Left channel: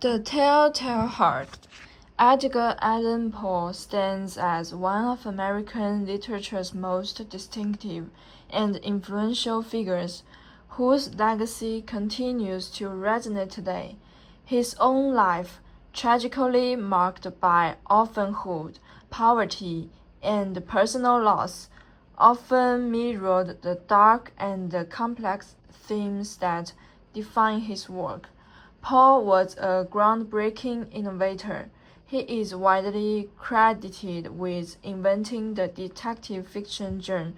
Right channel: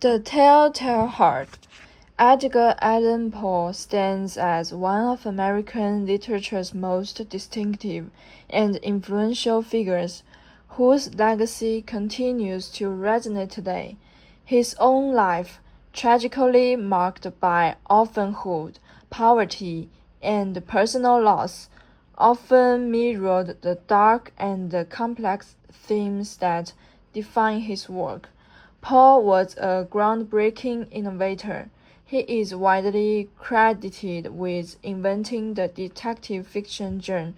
The Telltale Heart. Edgar Allan Poe stands as one of American literature's most distinctive and influential figures, whose legacy continues to resonate today. His own life, tragically marked by orphanhood, poverty, and personal loss, often mirrored the dark and complex themes that define his work. Poe was a groundbreaking innovator. He is widely credited with inventing the detective fiction genre,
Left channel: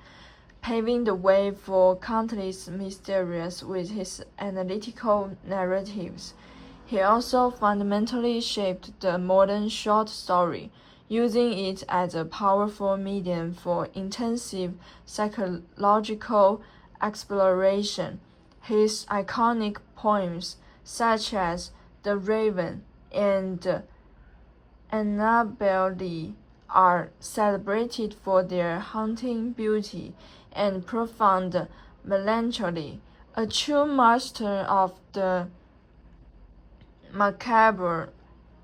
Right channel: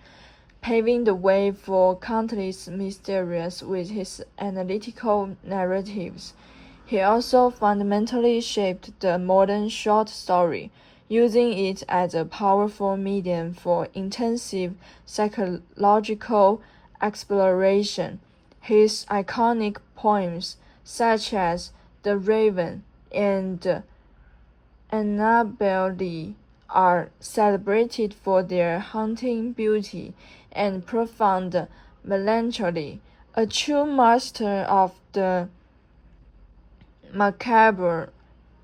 paving the way for countless mysteries with his analytical narratives. He also fundamentally shaped the modern short story, using it as a powerful medium for intensive psychological exploration. His iconic poems, such as The Raven and Annabel Lee, are celebrated for their haunting beauty and profound melancholy. A true master of the macabre,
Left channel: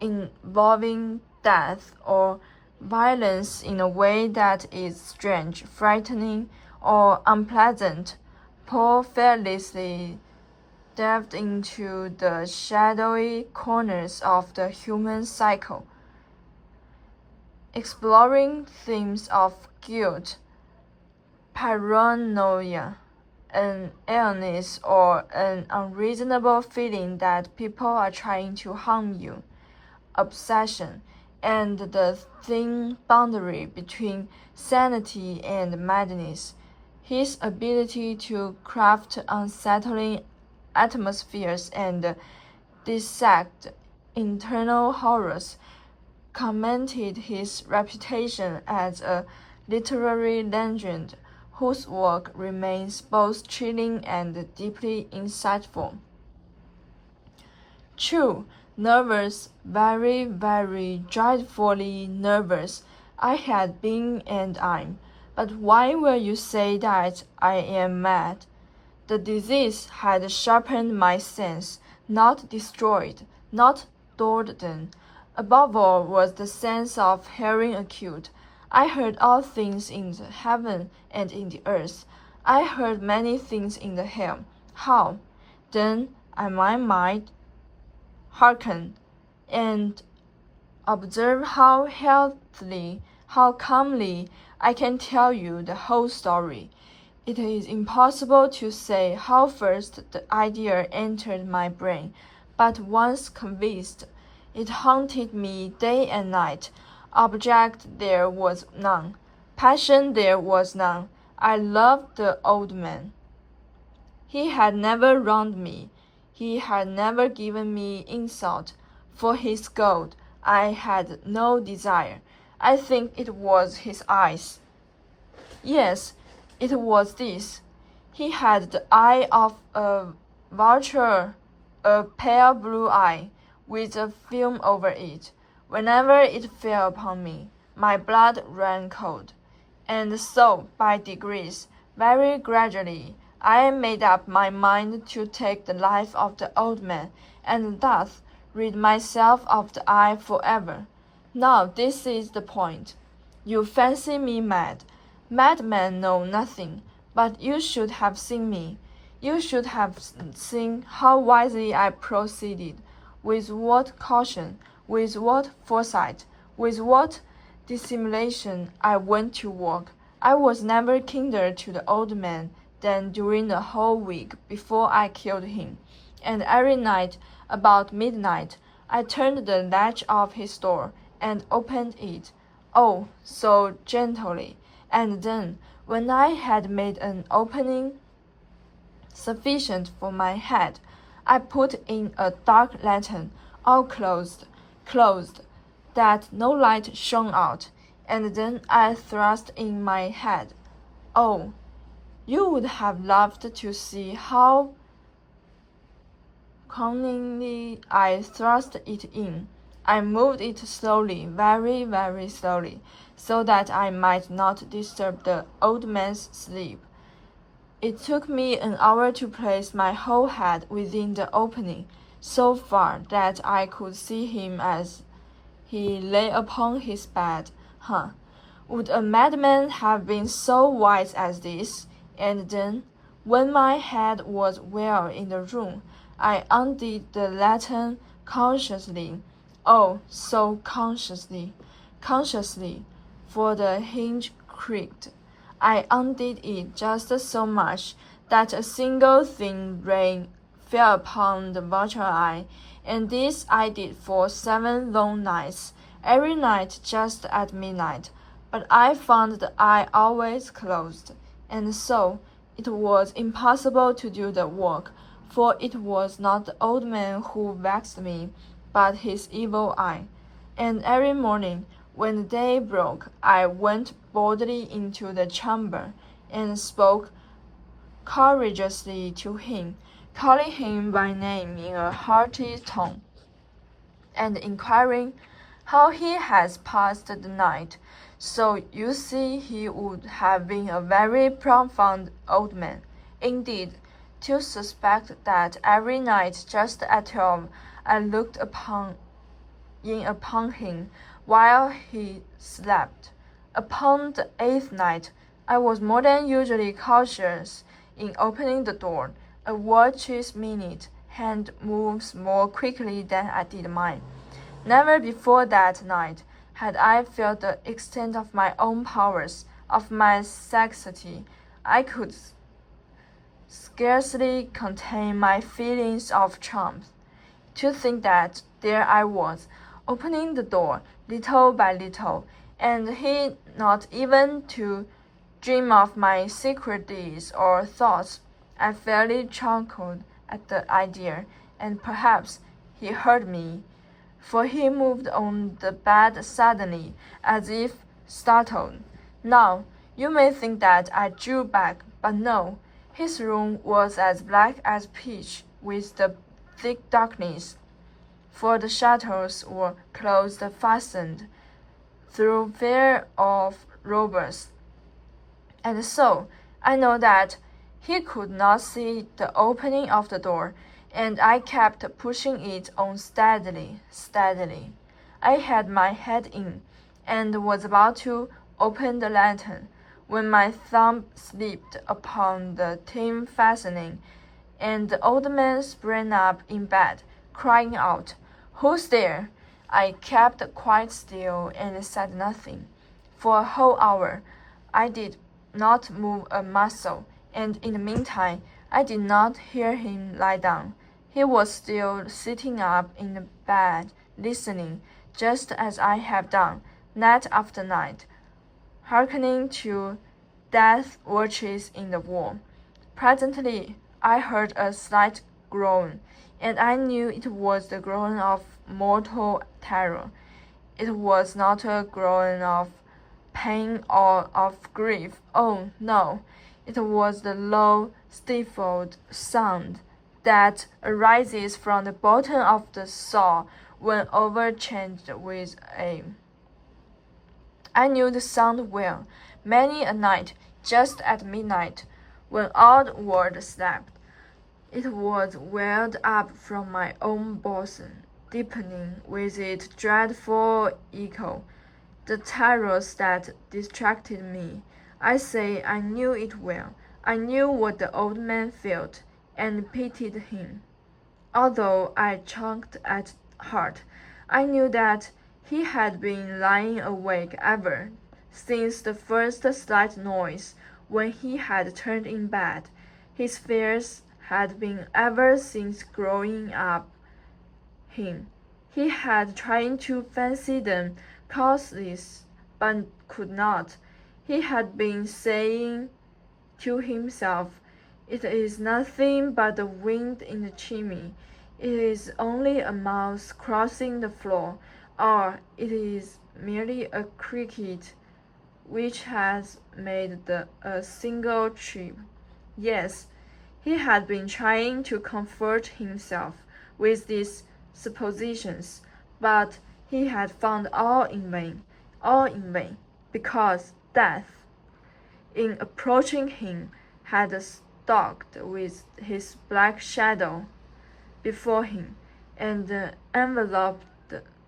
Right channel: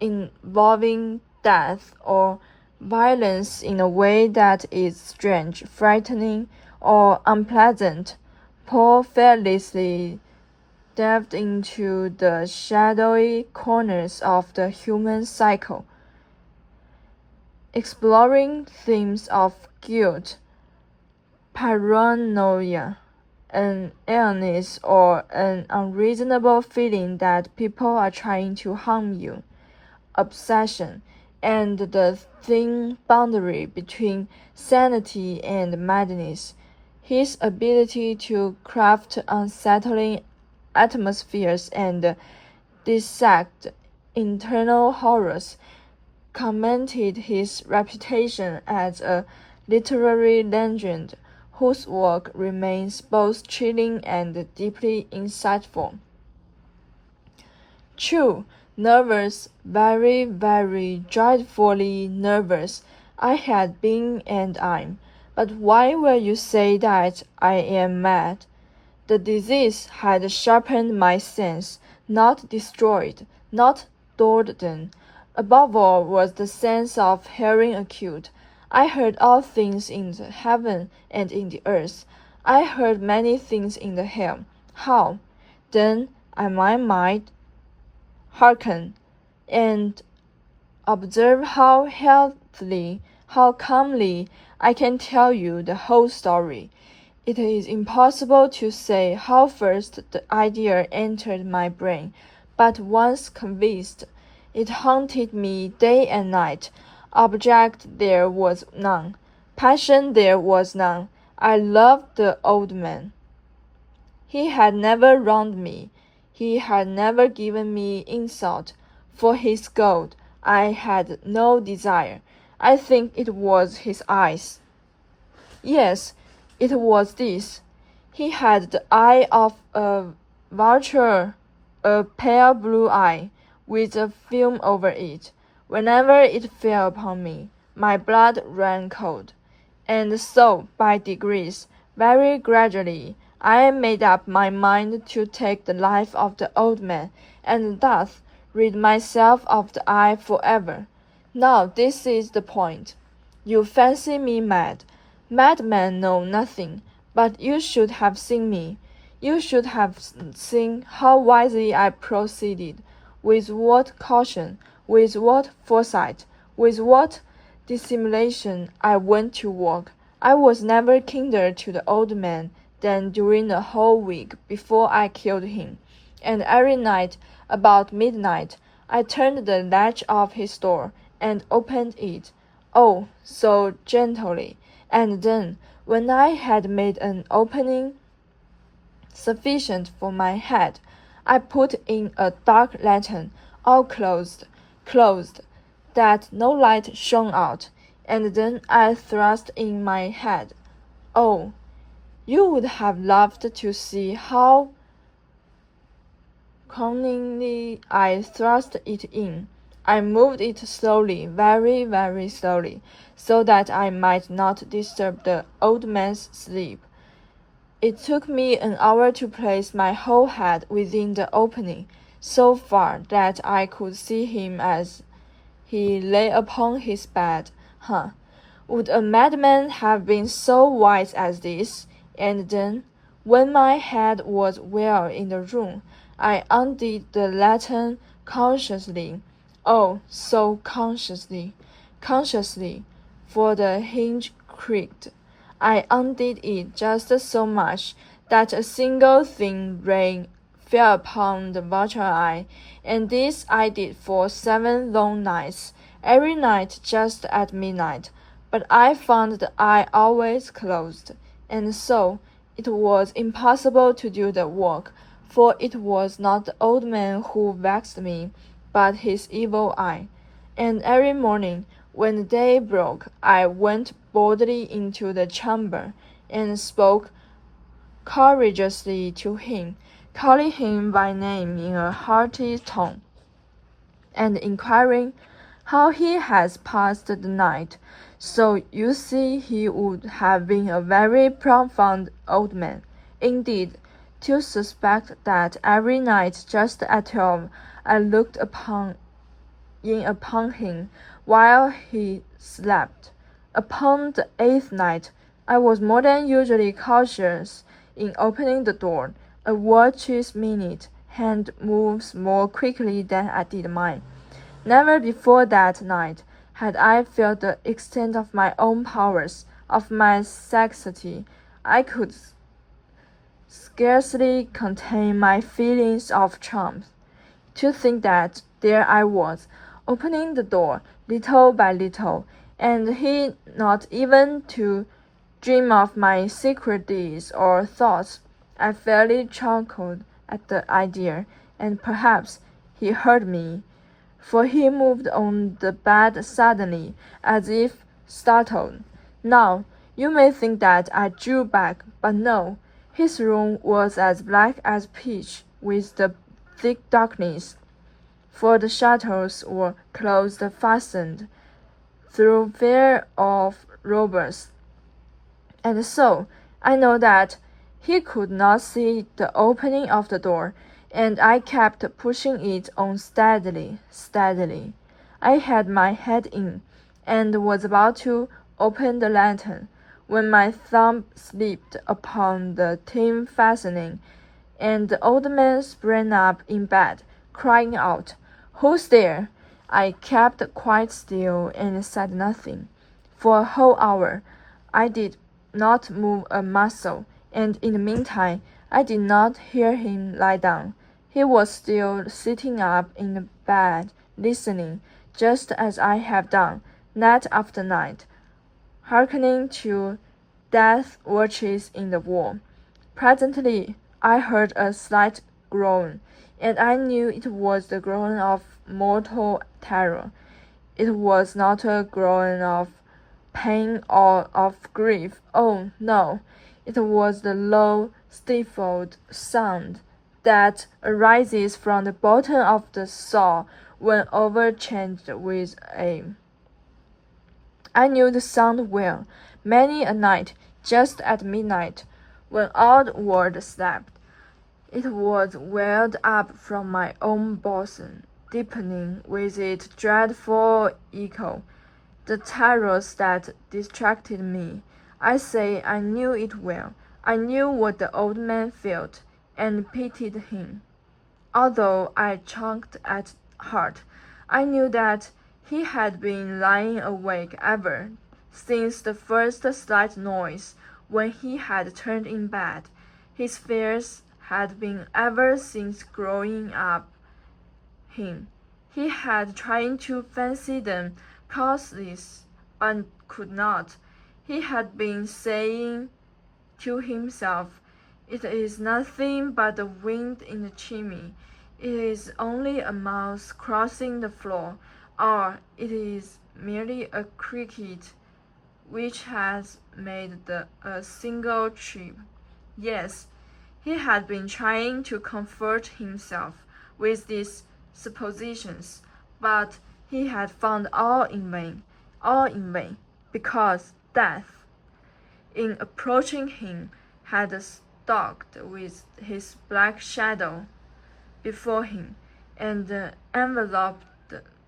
involving death or violence in a way that is strange, frightening, or unpleasant. Poe fearlessly delved into the shadowy corners of the human psyche, exploring themes of guilt, paranoia, an illness, or an unreasonable feeling that people are trying to harm you, obsession, and the thin boundary between sanity and madness. His ability to craft unsettling atmospheres and dissect internal horrors cemented his reputation as a literary legend whose work remains both chilling and deeply insightful. True, nervous, very, very dreadfully nervous I had been and am. But why will you say that I am mad? The disease had sharpened my sense, not destroyed, not dulled them. Above all was the sense of hearing acute. I heard all things in the heaven and in the earth. I heard many things in the hell. How? Then I might hearken, and observe how healthily, how calmly I can tell you the whole story. It is impossible to say how first the idea entered my brain, but once convinced, it haunted me day and night. Object there was none. Passion there was none. I loved the old man. He had never wronged me. He had never given me insult. For his gold I had no desire. I think it was his eyes. Yes, it was this. He had the eye of a vulture, a pale blue eye, with a film over it. Whenever it fell upon me, my blood ran cold. And so, by degrees, very gradually, I made up my mind to take the life of the old man, and thus rid myself of the eye forever. Now this is the point. You fancy me mad. Madmen know nothing, but you should have seen me. You should have seen how wisely I proceeded, with what caution, with what foresight, with what dissimulation I went to work. I was never kinder to the old man than during the whole week before I killed him, and every night, about midnight, I turned the latch of his door and opened it, oh, so gently, and then, when I had made an opening sufficient for my head, I put in a dark lantern, all closed, that no light shone out, and then I thrust in my head. Oh, you would have loved to see how cunningly I thrust it in. I moved it slowly, very, very slowly, so that I might not disturb the old man's sleep. It took me an hour to place my whole head within the opening. so far that I could see him as he lay upon his bed. Huh! Would a madman have been so wise as this? And then, when my head was well in the room, I undid the lantern consciously. Oh, so consciously, for the hinge creaked. I undid it just so much that a single thin ray fell upon the vulture eye, and this I did for 7 long nights, every night just at midnight. But I found the eye always closed, and so it was impossible to do the work, for it was not the old man who vexed me, but his evil eye. And every morning, when the day broke, I went boldly into the chamber, and spoke courageously to him, calling him by name in a hearty tone, and inquiring how he has passed the night. So you see he would have been a very profound old man, indeed, to suspect that every night just at 12 I looked in upon him while he slept. Upon the 8th night, I was more than usually cautious in opening the door. A watch's minute hand moves more quickly than I did mine. Never before that night had I felt the extent of my own powers, of my sagacity. I could scarcely contain my feelings of triumph. To think that there I was, opening the door little by little, and he not even to dream of my secret deeds or thoughts. I fairly chuckled at the idea, and perhaps he heard me, for he moved on the bed suddenly, as if startled. Now, you may think that I drew back, but no. His room was as black as pitch with the thick darkness, for the shutters were closed fastened, through fear of robbers. And so I know that he could not see the opening of the door, and I kept pushing it on steadily. I had my head in, and was about to open the lantern, when my thumb slipped upon the tin fastening, and the old man sprang up in bed, crying out, "Who's there?" I kept quite still and said nothing. For a whole hour I did not move a muscle, and in the meantime I did not hear him lie down. He was still sitting up in the bed, listening, just as I have done, night after night, hearkening to death watches in the wall. Presently I heard a slight groan, and I knew it was the groan of mortal terror. It was not a groan of pain or of grief. Oh, no, it was the low, stifled sound that arises from the bottom of the soul when overcharged with aim. I knew the sound well. Many a night, just at midnight, when all the world slept, it was welled up from my own bosom, deepening with its dreadful echo the terrors that distracted me. I say I knew it well. I knew what the old man felt, and pitied him. Although I chucked at heart, I knew that he had been lying awake ever since the first slight noise when he had turned in bed. His fears had been ever since growing up him. He had tried to fancy them causeless, but could not. He had been saying to himself, "It is nothing but the wind in the chimney. It is only a mouse crossing the floor, or it is merely a cricket which has made a single chirp." Yes, he had been trying to comfort himself with these suppositions, but he had found all in vain, because death, in approaching him, had stalked with his black shadow before him, and enveloped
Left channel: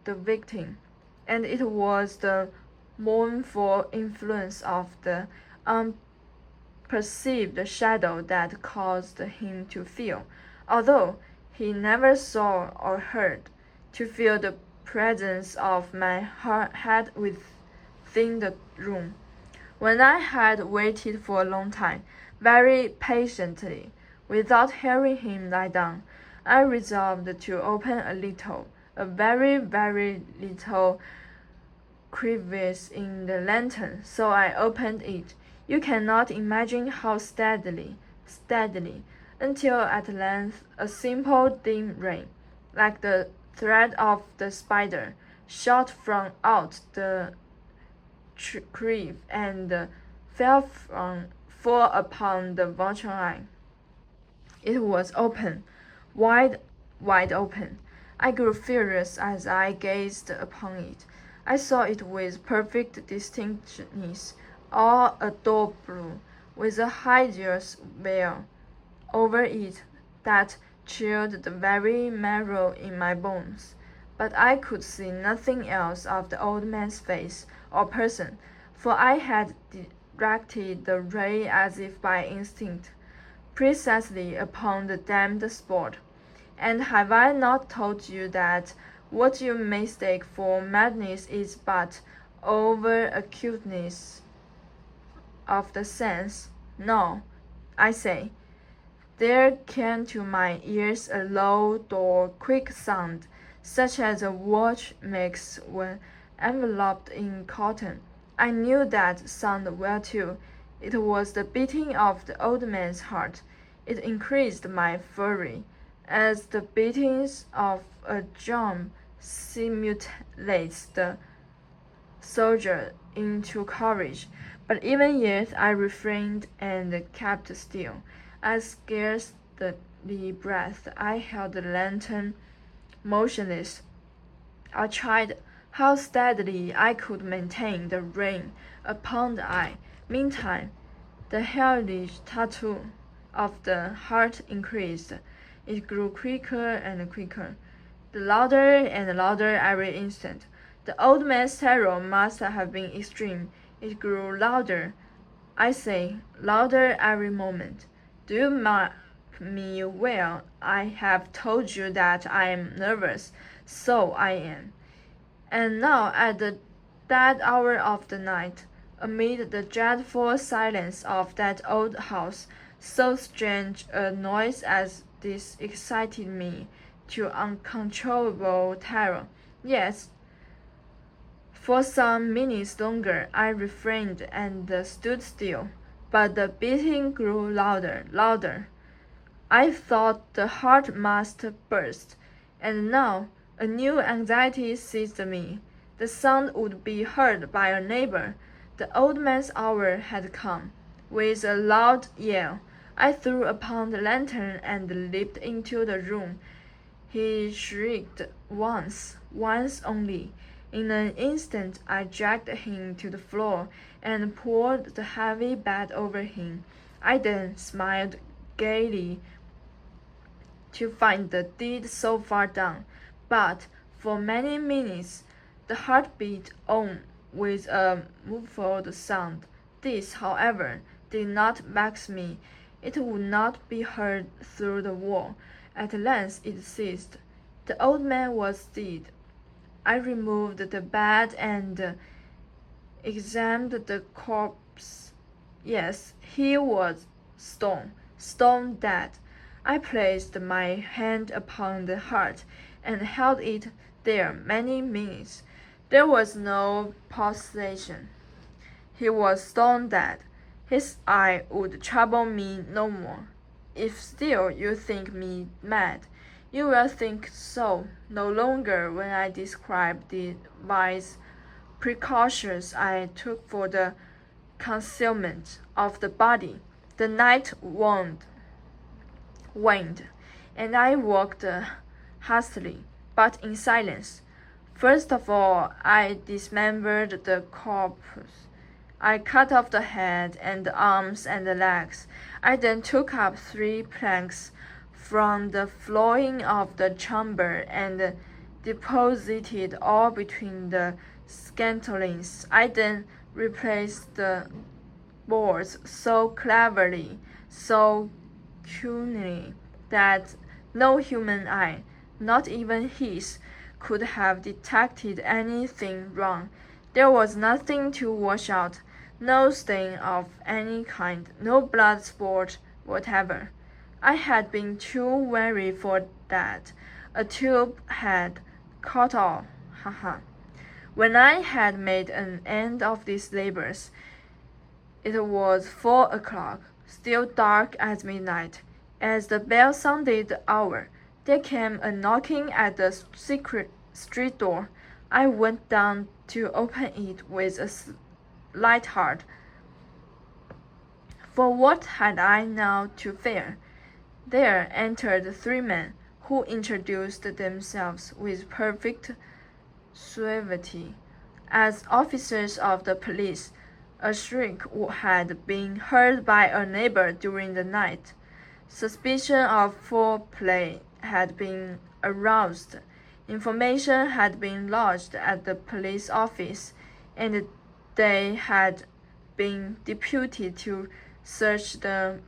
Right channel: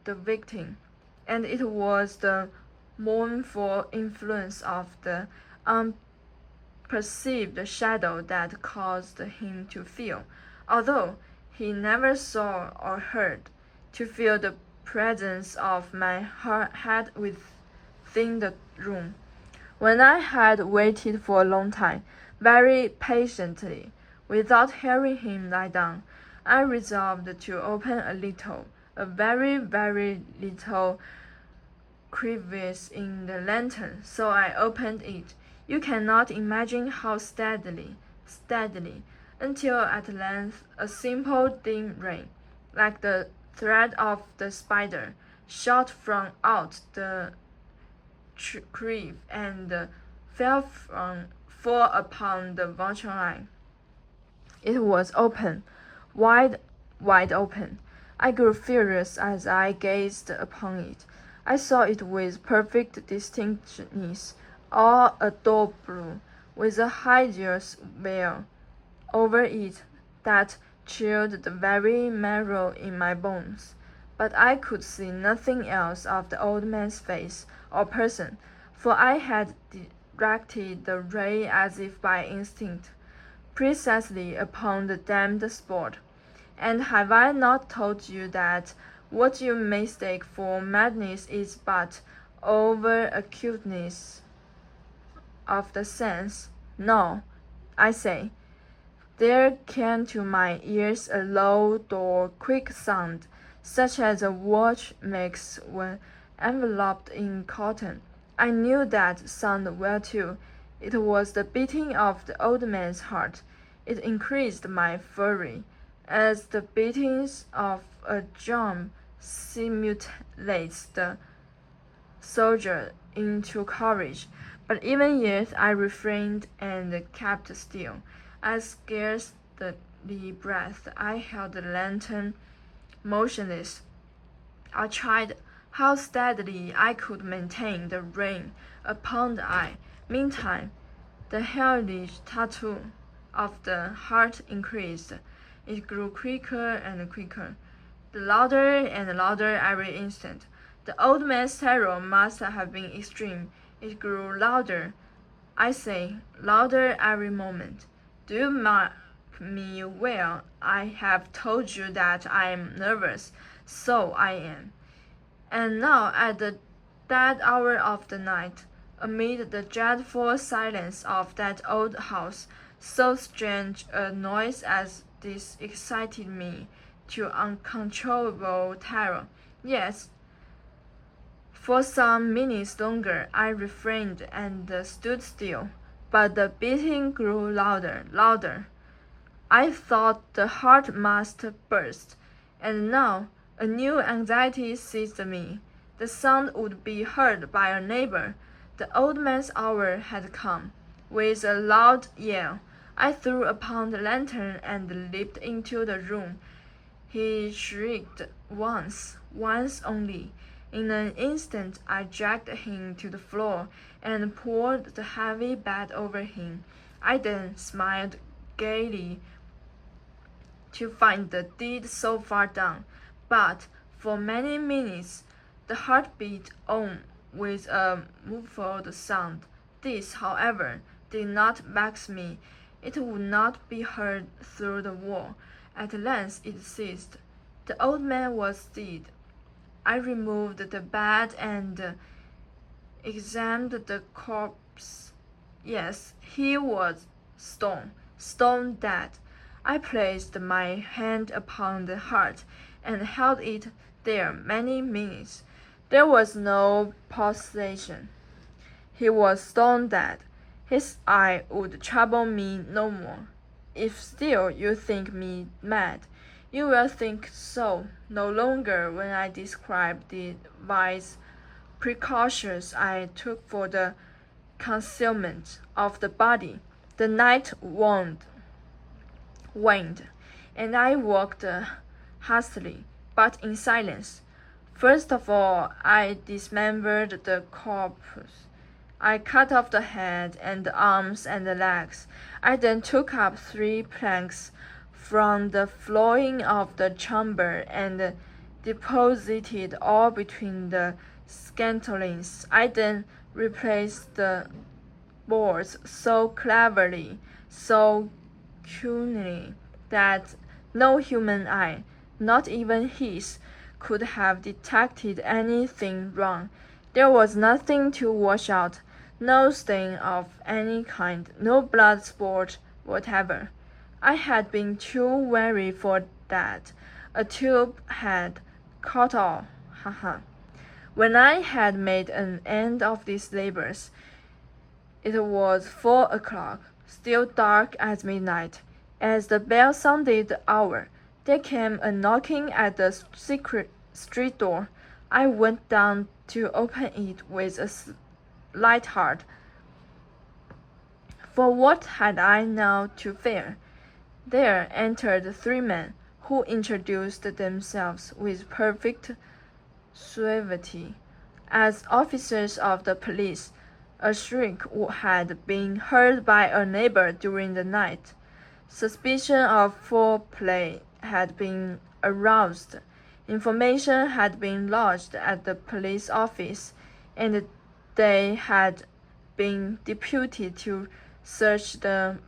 the victim, and it was the mournful influence of the unperceived shadow that caused him to feel, although he never saw or heard, to feel the presence of my head within the room. When I had waited for a long time, very patiently, without hearing him lie down, I resolved to open a very, very little crevice in the lantern, so I opened it. You cannot imagine how steadily, until at length a simple dim ray, like the thread of the spider, shot from out the creeve and full upon the vulture eye. It was open, wide, wide open. I grew furious as I gazed upon it. I saw it with perfect distinctness, all a dull blue, with a hideous veil over it that chilled the very marrow in my bones. But I could see nothing else of the old man's face or person, for I had directed the ray as if by instinct, precisely upon the damned spot. And have I not told you that what you mistake for madness is but over acuteness of the sense? No, I say. There came to my ears a low, dull, quick sound, such as a watch makes when enveloped in cotton. I knew that sound well too. It was the beating of the old man's heart. It increased my fury, as the beatings of a drum stimulates the soldier into courage. But even yet I refrained and kept still. I scarcely breathed. I held the lantern motionless. I tried how steadily I could maintain the rain upon the eye. Meantime, the hellish tattoo of the heart increased. It grew quicker and quicker, the louder and louder every instant. The old man's terror must have been extreme. It grew louder, I say, louder every moment. Do you mark me well? I have told you that I am nervous. So I am. And now, at the dead hour of the night, amid the dreadful silence of that old house, so strange a noise as this excited me to uncontrollable terror. Yes, for some minutes longer I refrained and stood still, but the beating grew louder, louder. I thought the heart must burst, and now a new anxiety seized me. The sound would be heard by a neighbor. The old man's hour had come. With a loud yell, I threw upon the lantern and leaped into the room. He shrieked once only. In an instant I dragged him to the floor and pulled the heavy bed over him. I then smiled gaily to find the deed so far done, but for many minutes the heart beat on with a muffled sound. This, however, did not vex me. It would not be heard through the wall. At length it ceased. The old man was dead. I removed the bed and examined the corpse. Yes, he was stone dead. I placed my hand upon the heart and held it there many minutes. There was no pulsation. He was stone dead. His eye would trouble me no more. If still you think me mad, you will think so no longer when I describe the wise precautions I took for the concealment of the body. The night waned, and I walked hastily, but in silence. First of all, I dismembered the corpse. I cut off the head and the arms and the legs. I then took up 3 planks from the flooring of the chamber and deposited all between the scantlings. I then replaced the boards so cleverly, so cunningly, that no human eye, not even his, could have detected anything wrong. There was nothing to wash out, no stain of any kind, no blood spot whatever. I had been too wary for that. A tube had caught all. Ha ha. When I had made an end of these labors, it was 4 o'clock, still dark as midnight. As the bell sounded the hour, there came a knocking at the secret street door. I went down to open it with a light heart. For what had I now to fear? There entered 3 men, who introduced themselves with perfect suavity as officers of the police. A shriek had been heard by a neighbor during the night. Suspicion of foul play had been aroused. Information had been lodged at the police office, and they had been deputed to search the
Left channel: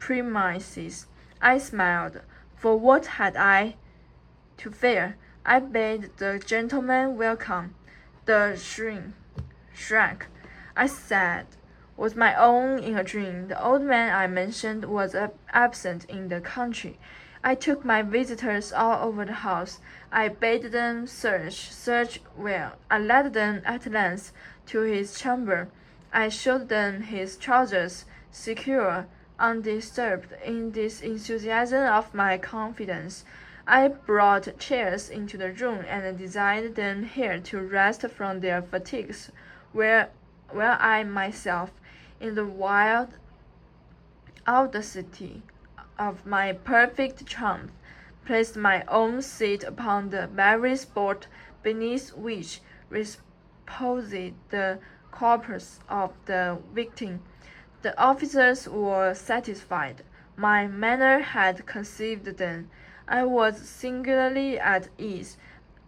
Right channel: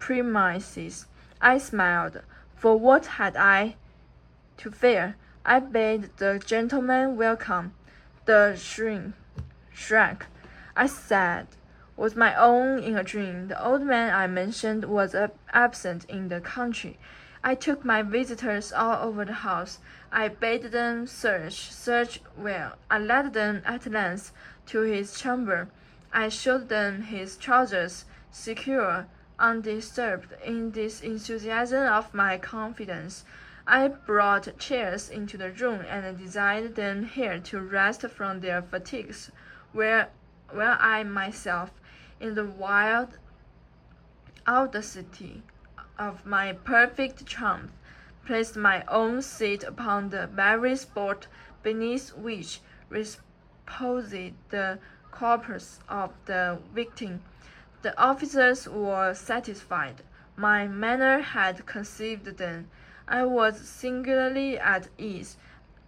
premises. I smiled, for what had I to fear? I bade the gentleman welcome. The shrank. I said, was my own in a dream. The old man I mentioned was absent in the country. I took my visitors all over the house. I bade them search well. I led them at length to his chamber. I showed them his trousers, secure, undisturbed in this enthusiasm of my confidence. I brought chairs into the room and desired them here to rest from their fatigues, while I myself, in the wild audacity of my perfect triumph, placed my own seat upon the very spot beneath which reposed the corpse of the victim. The officers were satisfied. My manner had conceived them. I was singularly at ease.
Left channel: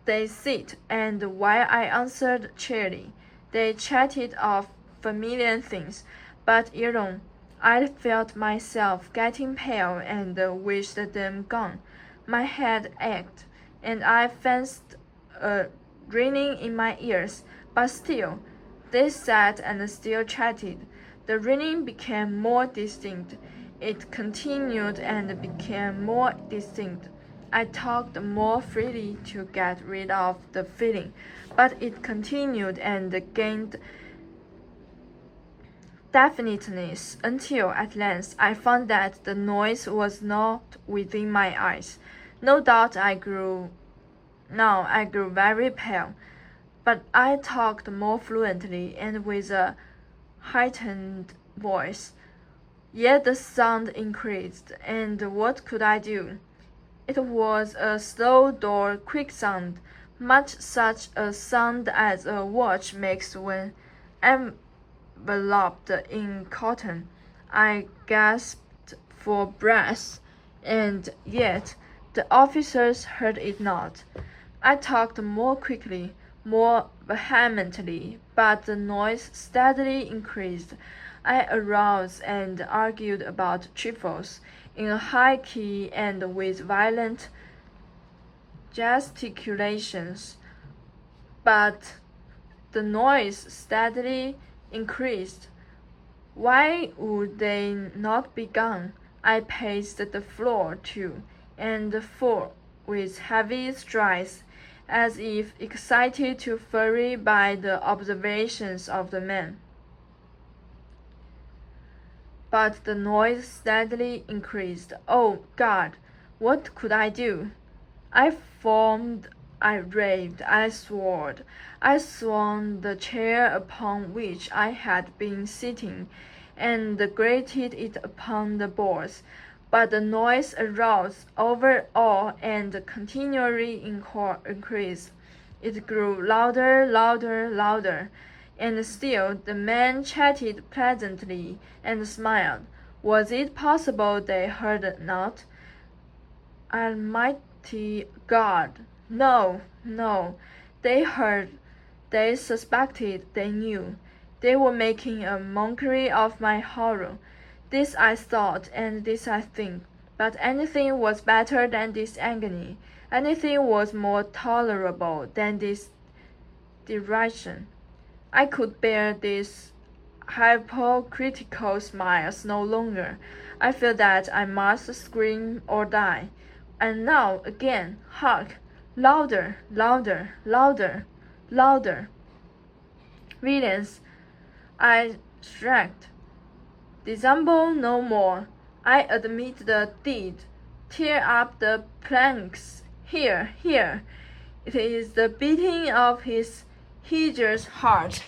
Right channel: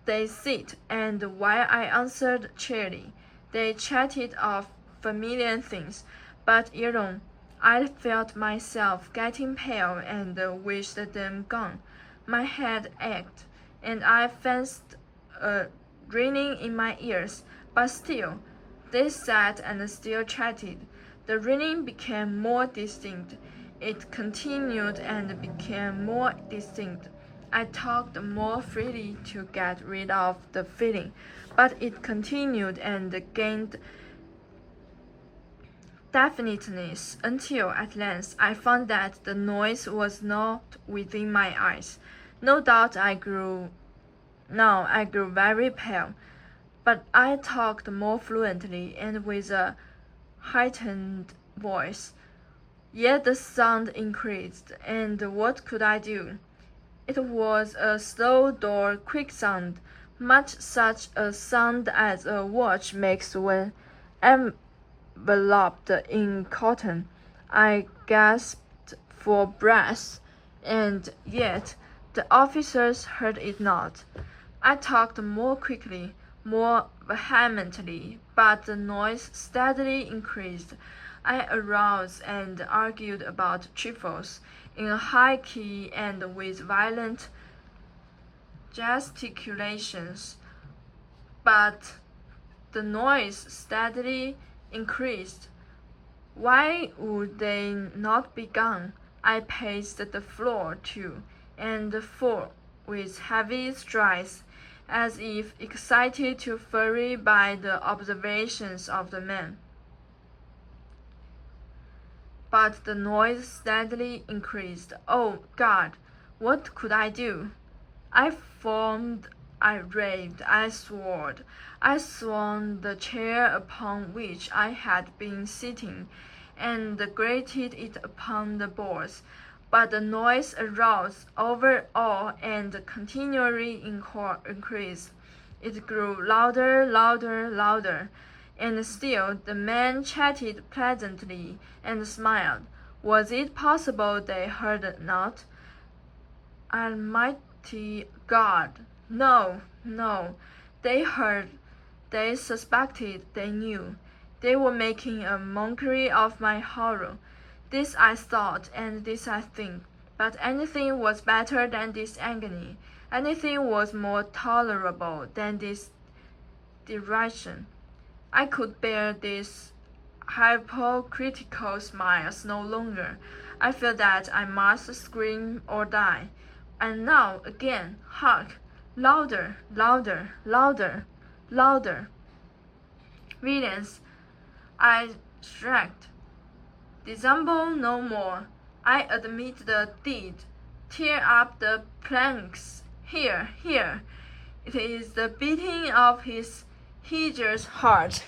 They sit, and while I answered cheerily, they chatted of familiar things, but alone. I felt myself getting pale and wished them gone. My head ached, and I fancied a ringing in my ears, but still, they sat and still chatted. The ringing became more distinct. It continued and became more distinct. I talked more freely to get rid of the feeling, but it continued and gained definiteness until at length I found that the noise was not within my eyes. No doubt I grew very pale, but I talked more fluently and with a heightened voice. Yet the sound increased, and what could I do? It was a slow dull, quick sound, much such a sound as a watch makes when enveloped in cotton. I gasped for breath, and yet the officers heard it not. I talked more quickly, more vehemently, but the noise steadily increased. I arose and argued about trifles in a high key and with violent gesticulations, but the noise steadily increased. Why would they not be gone? I paced the floor to and fro with heavy strides, as if excited to fury by the observations of the men. But the noise steadily increased. Oh, God! What could I do? I foamed, I raved, I swore. I swung the chair upon which I had been sitting, and grated it upon the boards. But the noise arose over all and continually increased. It grew louder, louder, louder, and still the men chatted pleasantly and smiled. Was it possible they heard not? Almighty God! No, no. They heard, they suspected, they knew. They were making a mockery of my horror. This I thought, and this I think. But anything was better than this agony. Anything was more tolerable than this derision. I could bear these hypocritical smiles no longer. I felt that I must scream or die. And now, again, hark! Louder, louder, louder, louder. Villains, I shrieked. Dissemble no more. I admit the deed. Tear up the planks. Here, here. It is the beating of his hideous heart.